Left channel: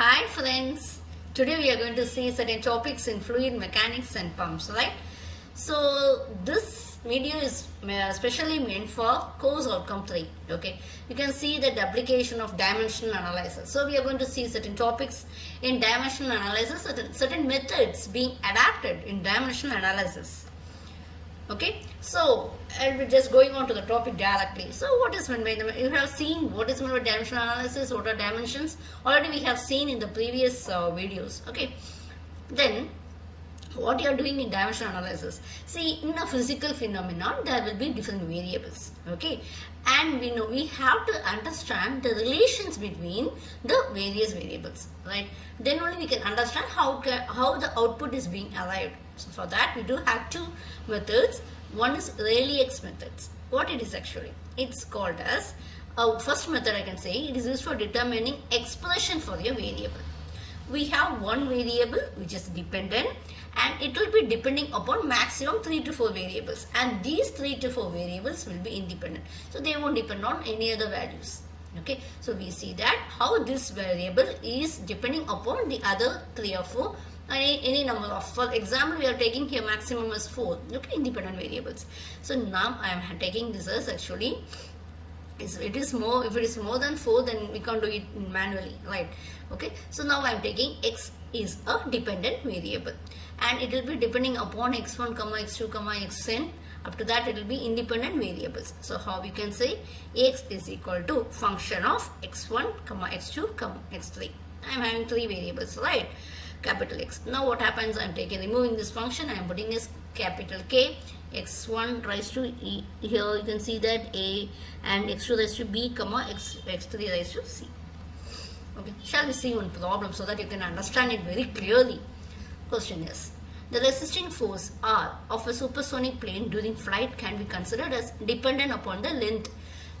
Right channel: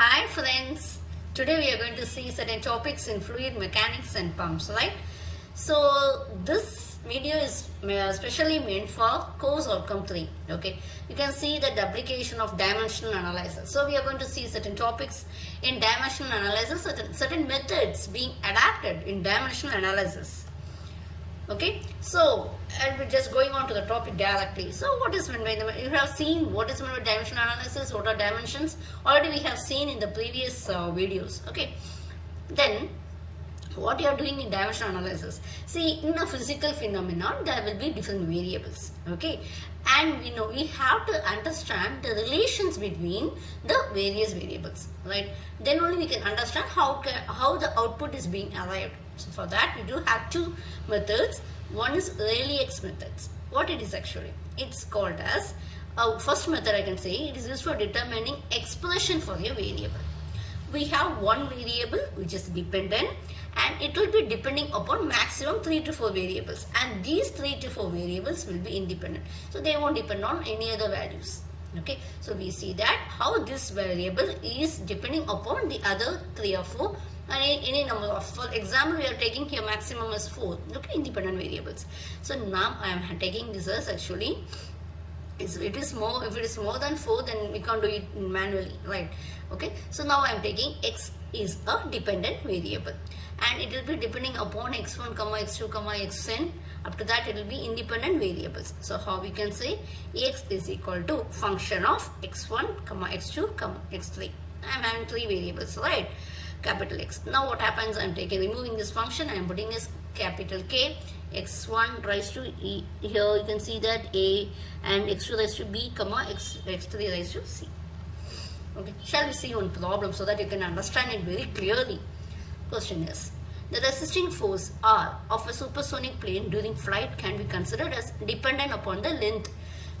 Hi friends, today we are going to see certain topics in fluid mechanics and pumps, right? So this video is specially meant for course outcome 3, okay? You can see the application of dimensional analysis. So we are going to see certain topics in dimensional analysis, certain methods being adapted in dimensional analysis. Okay, so and we're just going on to the topic directly. So what is meant by you have seen what is meant by dimensional analysis, what are dimensions? Already we have seen in the previous videos. Okay, then what you are doing in dimensional analysis? See, in a physical phenomenon there will be different variables. Okay, and we know we have to understand the relations between the various variables, right? Then only we can understand how the output is being arrived. So for that we do have two methods. One is Rayleigh-X methods. What it is actually? It's called as first method I can say it is used for determining expression for your variable. We have one variable which is dependent and it will be depending upon maximum 3 to 4 variables, and these 3 to 4 variables will be independent. So they won't depend on any other values. Okay, so we see that how this variable is depending upon the other 3 or 4 any number of, for example we are taking here maximum as 4, okay, independent variables. So now I am taking this as actually if it is more than 4 then we can't do it manually, right? Okay, so now I am taking x is a dependent variable and it will be depending upon x1 comma x2 comma xn. After that it will be independent variables. So how we can say x is equal to function of x1 comma x2 comma x3. I am having 3 variables, right? Capital X. Now what happens? I am removing this function. I am putting this capital K. X1 raised to E. Here you can see that A, and x2 raised to B, comma x3 raised to C. Okay. Shall we see one problem so that you can understand it very clearly? Question is, the resisting force R of a supersonic plane during flight can be considered as dependent upon the length.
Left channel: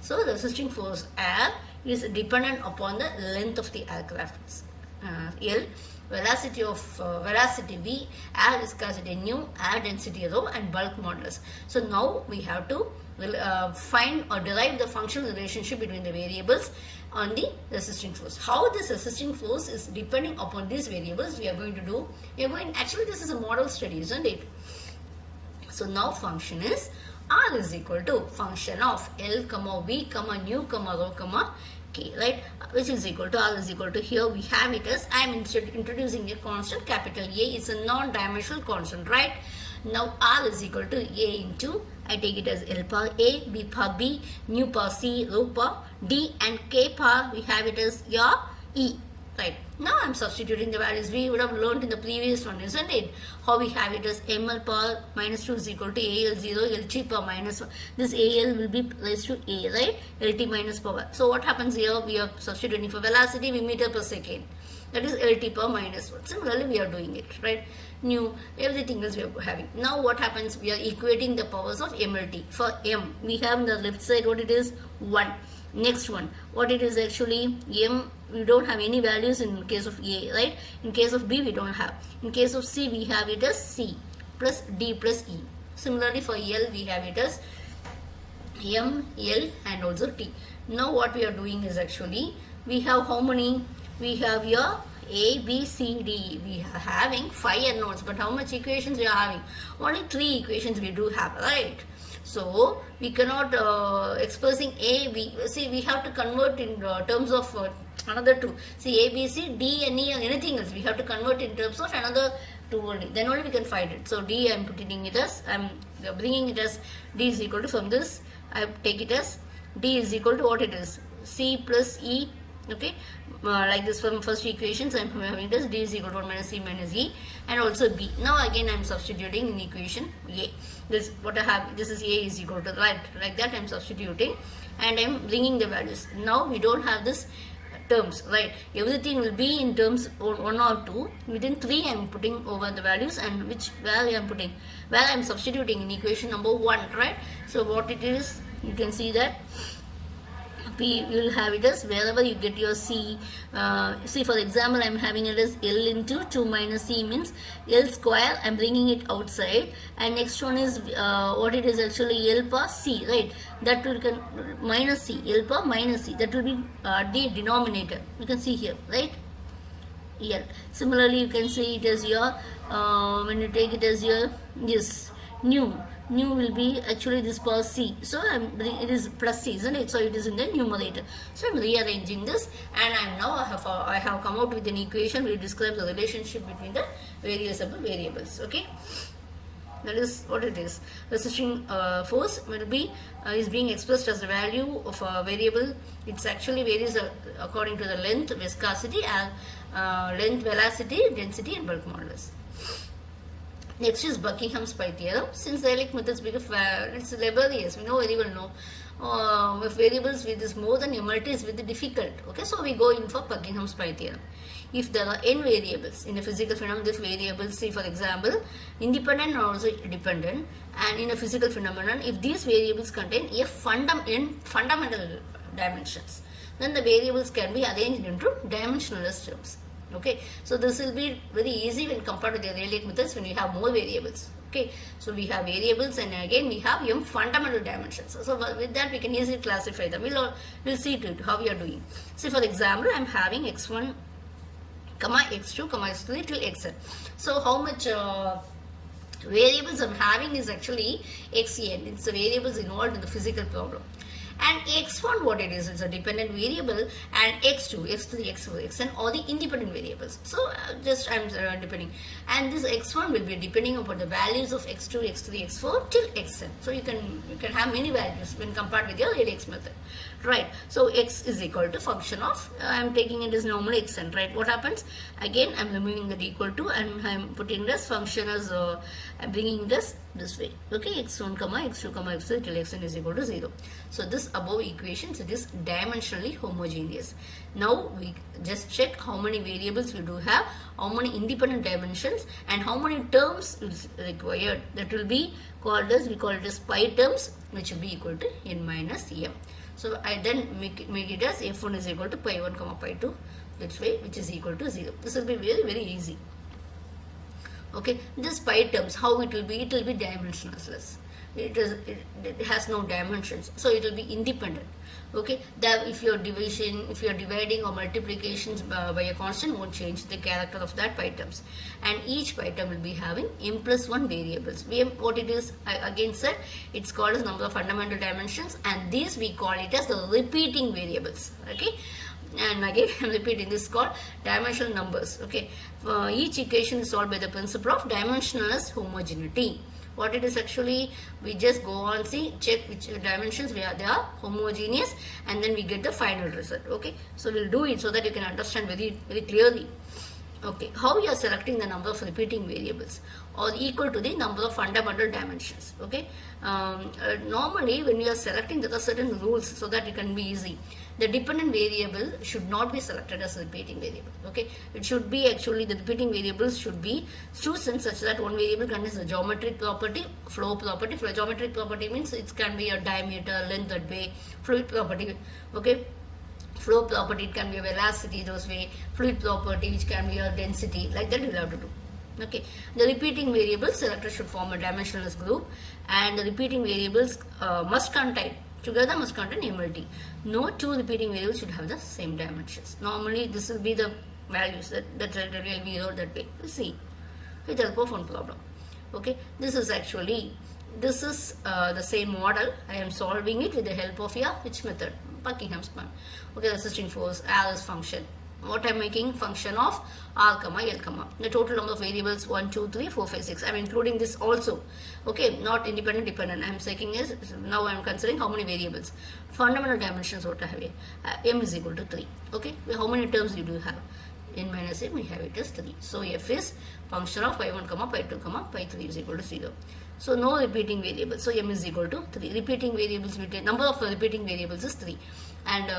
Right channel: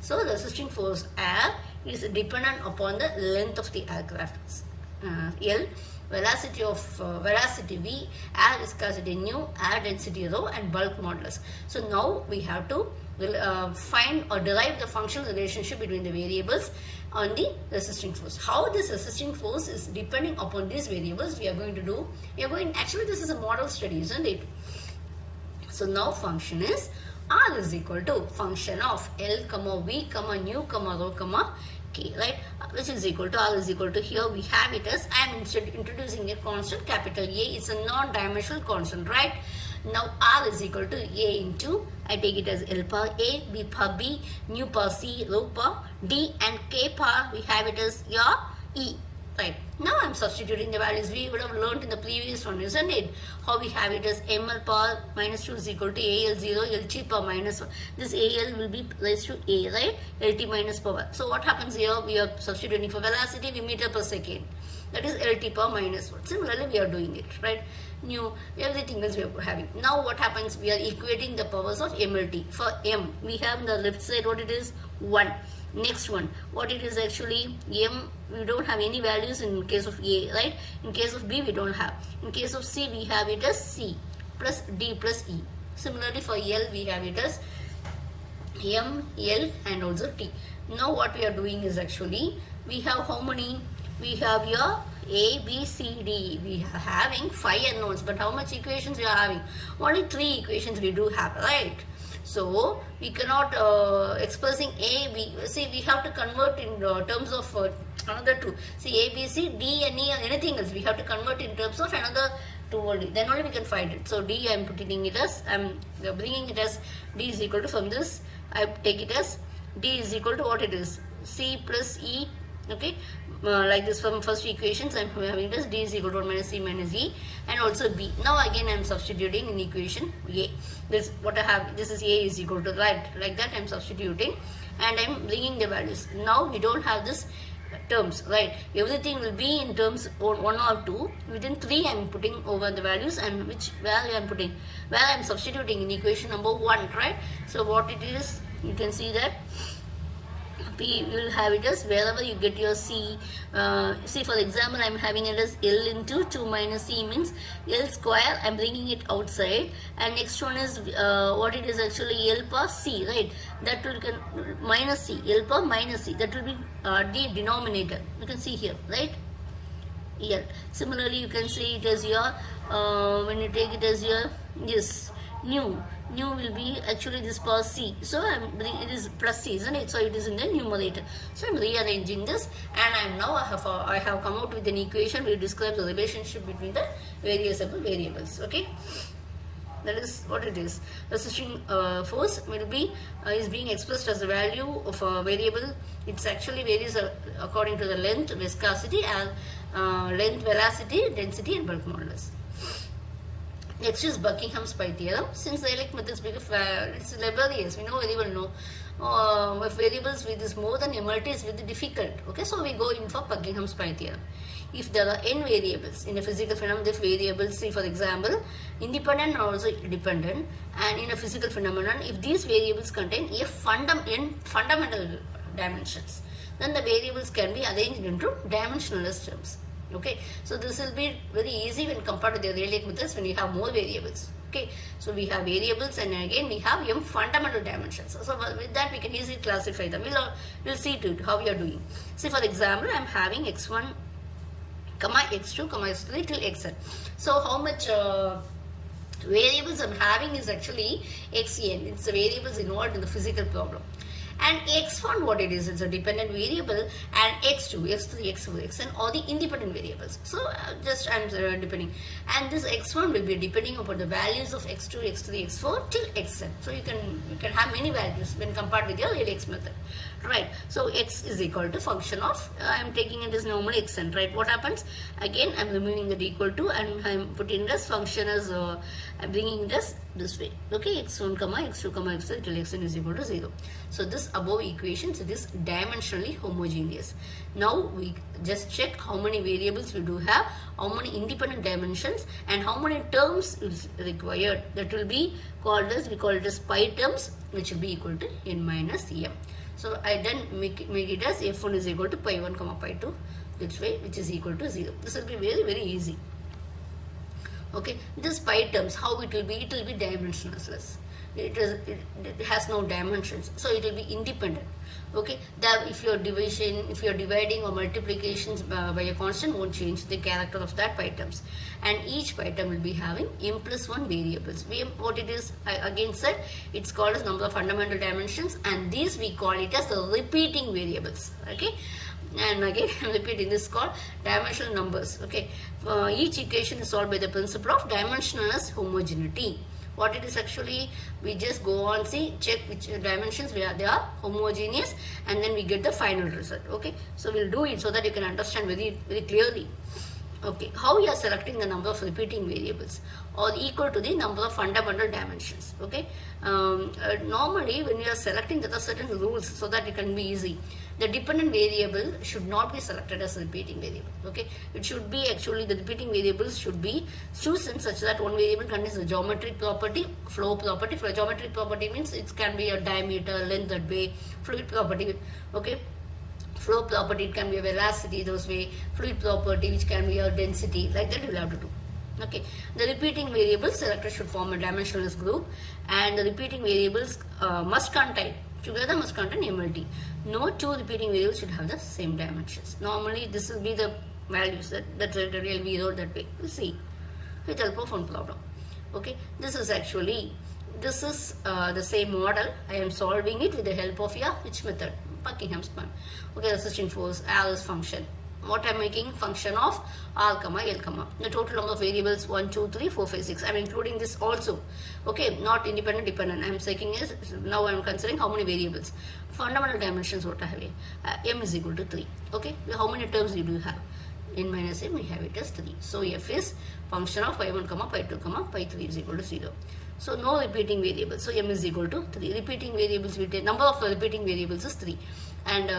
So the resisting force R is dependent upon the length of the aircraft. L, velocity V, air viscosity nu, air density rho, and bulk modulus. So now we have to find or derive the functional relationship between the variables on the resisting force. How this resisting force is depending upon these variables we are going to do. Actually this is a model study, isn't it? So now function is R is equal to function of L comma V comma nu comma rho comma K, right, which is equal to R is equal to, here we have it as I am introducing a constant capital A. It's a non-dimensional constant, right? Now R is equal to A into, I take it as L power A, B power B, nu power C, rho power D, and K power we have it as your E, right? Now I am substituting the values we would have learned in the previous one, isn't it? How we have it as ml power minus 2 is equal to AL0, LT power minus 1. This AL will be raised to A, right? LT minus power. So what happens here? We are substituting for velocity in meter per second. That is LT power minus 1. Similarly, we are doing it, right? Nu, everything else we are having. Now what happens? We are equating the powers of MLT. For M, we have on the left side what it is? 1. Next one, what it is actually? M, we don't have any values in case of A, right? In case of B, we don't have. In case of C, we have it as C plus D plus E. Similarly, for L, we have it as M, L, and also T. Now, what we are doing is actually, we have how many? We have your A, B, C, D. We are having 5 unknowns, but how much equations we are having? Only 3 equations we do have, right? So we cannot expressing A, B. See, we have to convert in terms of another 2. See, A, B, C, D, and E, and anything else. We have to convert in terms of another 2 only. Then only we can find it. So D, I am putting it as, I am bringing it as D is equal to, from this I take it as D is equal to what it is? C plus E. Okay, like this from first equations I am having it as D is equal to 1 minus C minus E, and also B. Now again I am substituting in equation A. This what I have, this is A is equal to, right, like that I am substituting and I am bringing the values. Now we don't have this terms, right? Everything will be in terms 1 or 2. Within 3 I am putting over the values, and which value I am putting? Well, I am substituting in equation number 1, right? So what it is, you can see that P, you will have it as wherever you get your C. See, for example, I am having it as L into 2 minus C means L square. I am bringing it outside. And next one is what it is actually L per C, right? That will minus C, L per minus C. That will be the denominator. You can see here, right? L. Similarly, you can see it as your, when you take it as your, yes, new. New will be actually this power C. So it is plus C, isn't it? So it is in the numerator. So I'm rearranging this, and I have come out with an equation which describes the relationship between the various variables. Okay. That is what it is. Resisting force will be is being expressed as a value of a variable. It's actually varies according to the length, viscosity, and length, velocity, density, and bulk modulus. Next is Buckingham's pi theorem. Since the Elect methods become it's laborious, we know very well if variables with is more than a multi is very difficult. Okay, so we go in for Buckingham's pi theorem. If there are n variables in a physical phenomenon, this variables, say for example, independent or also dependent, and in a physical phenomenon, if these variables contain fundamental dimensions, then the variables can be arranged into dimensionless terms. Okay, so this will be very easy when compared to the Rayleigh methods when you have more variables. Okay, so we have variables, and again we have m fundamental dimensions. So with that we can easily classify them. We'll see to it how we are doing. See, for example, I'm having x1, x2, x3 till xn. So how much variables I'm having is actually xn. It's the variables involved in the physical problem. And x1, what it is, it's a dependent variable, and x2, x3, x4, xn are the independent variables. So just I'm depending, and this x1 will be depending upon the values of x2, x3, x4 till xn. So you can have many values when compared with your Rayleigh's method, right? So x is equal to function of, I'm taking it as normally xn, right? What happens? Again, I'm removing the equal to, and I'm putting this function as I'm bringing this way. Okay, x1, x2, x3 till xn is equal to 0. So this above equations, it is dimensionally homogeneous. Now we just check how many variables we do have, how many independent dimensions, and how many terms is required. That will be called as, we call it as pi terms, which will be equal to n minus m. So I then make it as f1 is equal to pi 1, pi 2, this way, which is equal to 0. This will be very, very easy. Okay, this pi terms, how it will be? It will be dimensionless. It has no dimensions, so it will be independent. Okay, that if your division, if you are dividing or multiplications by a constant, won't change the character of that pi terms. And each pi term will be having m plus 1 variables. What it is, I again said, it's called as number of fundamental dimensions, and these we call it as the repeating variables. Okay, and again I'm repeating, this is called dimensional numbers. Okay, each equation is solved by the principle of dimensionless homogeneity. What it is actually, we just go on, see, check which dimensions they are homogeneous, and then we get the final result. Okay, so we'll do it so that you can understand very, very clearly. Okay, how you are selecting the number of repeating variables or equal to the number of fundamental dimensions. Okay, normally when you are selecting, there are certain rules so that it can be easy. The dependent variable should not be selected as a repeating variable. Okay, it should be actually, the repeating variables should be chosen such that one variable contains a geometric property, flow property. For a geometric property means it can be a diameter, length, that way. Fluid property, okay, flow property, it can be a velocity, those way. Fluid property, which can be a density, like that you will have to do. Okay, the repeating variables selected should form a dimensionless group, and the repeating variables must contain MLT. No two repeating variables should have the same dimensions. Normally this will be the values that will be wrote that way. We'll see with help of one problem. Okay, this is the same model. I am solving it with the help of which method? Buckingham's one. Okay, resisting force, R is function. What I am making? Function of R, L, the total number of variables 1, 2, 3, 4, 5, 6. I am including this also. Okay, not independent, dependent. I am taking is, now I am considering how many variables. Fundamental dimensions what I have here. M is equal to 3. Okay, how many terms do you have? N minus M, we have it as 3. So F is function of pi 1, pi 2, pi 3 is equal to 0. So no repeating variables. So M is equal to 3. Repeating variables, we take number of repeating variables is 3. And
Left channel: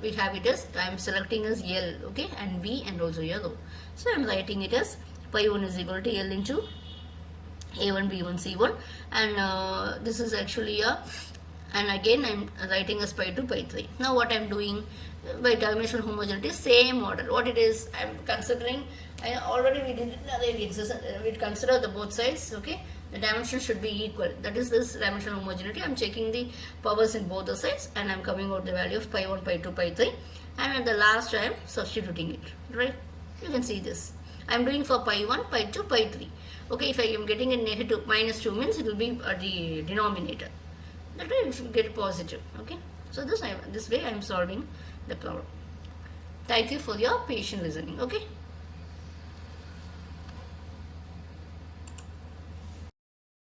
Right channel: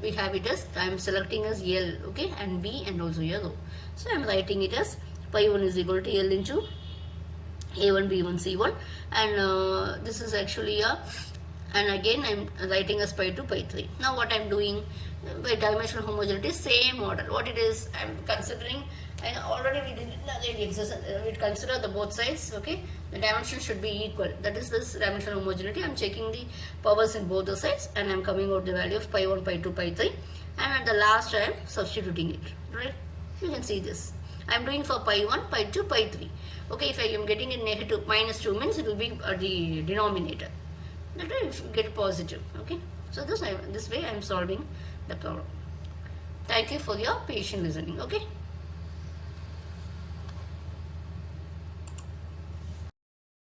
we have it as, I am selecting as L, okay, and B, and also here rho. So I am writing it as pi 1 is equal to L into A1, B1, C1, and this is actually and again I am writing as pi 2, pi 3. Now what I am doing by dimensional homogeneity, same order. What it is, I am considering, already we did the exercise, we consider the both sides. Okay, the dimensions should be equal. That is this dimensional homogeneity. I am checking the powers in both the sides, and I am coming out the value of pi 1, pi 2, pi 3, and at the last I am substituting it, right? You can see this. I am doing for pi 1, pi 2, pi 3. Okay, if I am getting a negative, minus 2 means it will be the denominator. That way it will get positive. Okay, so this way I am solving the problem. Thank you for your patient listening. Okay.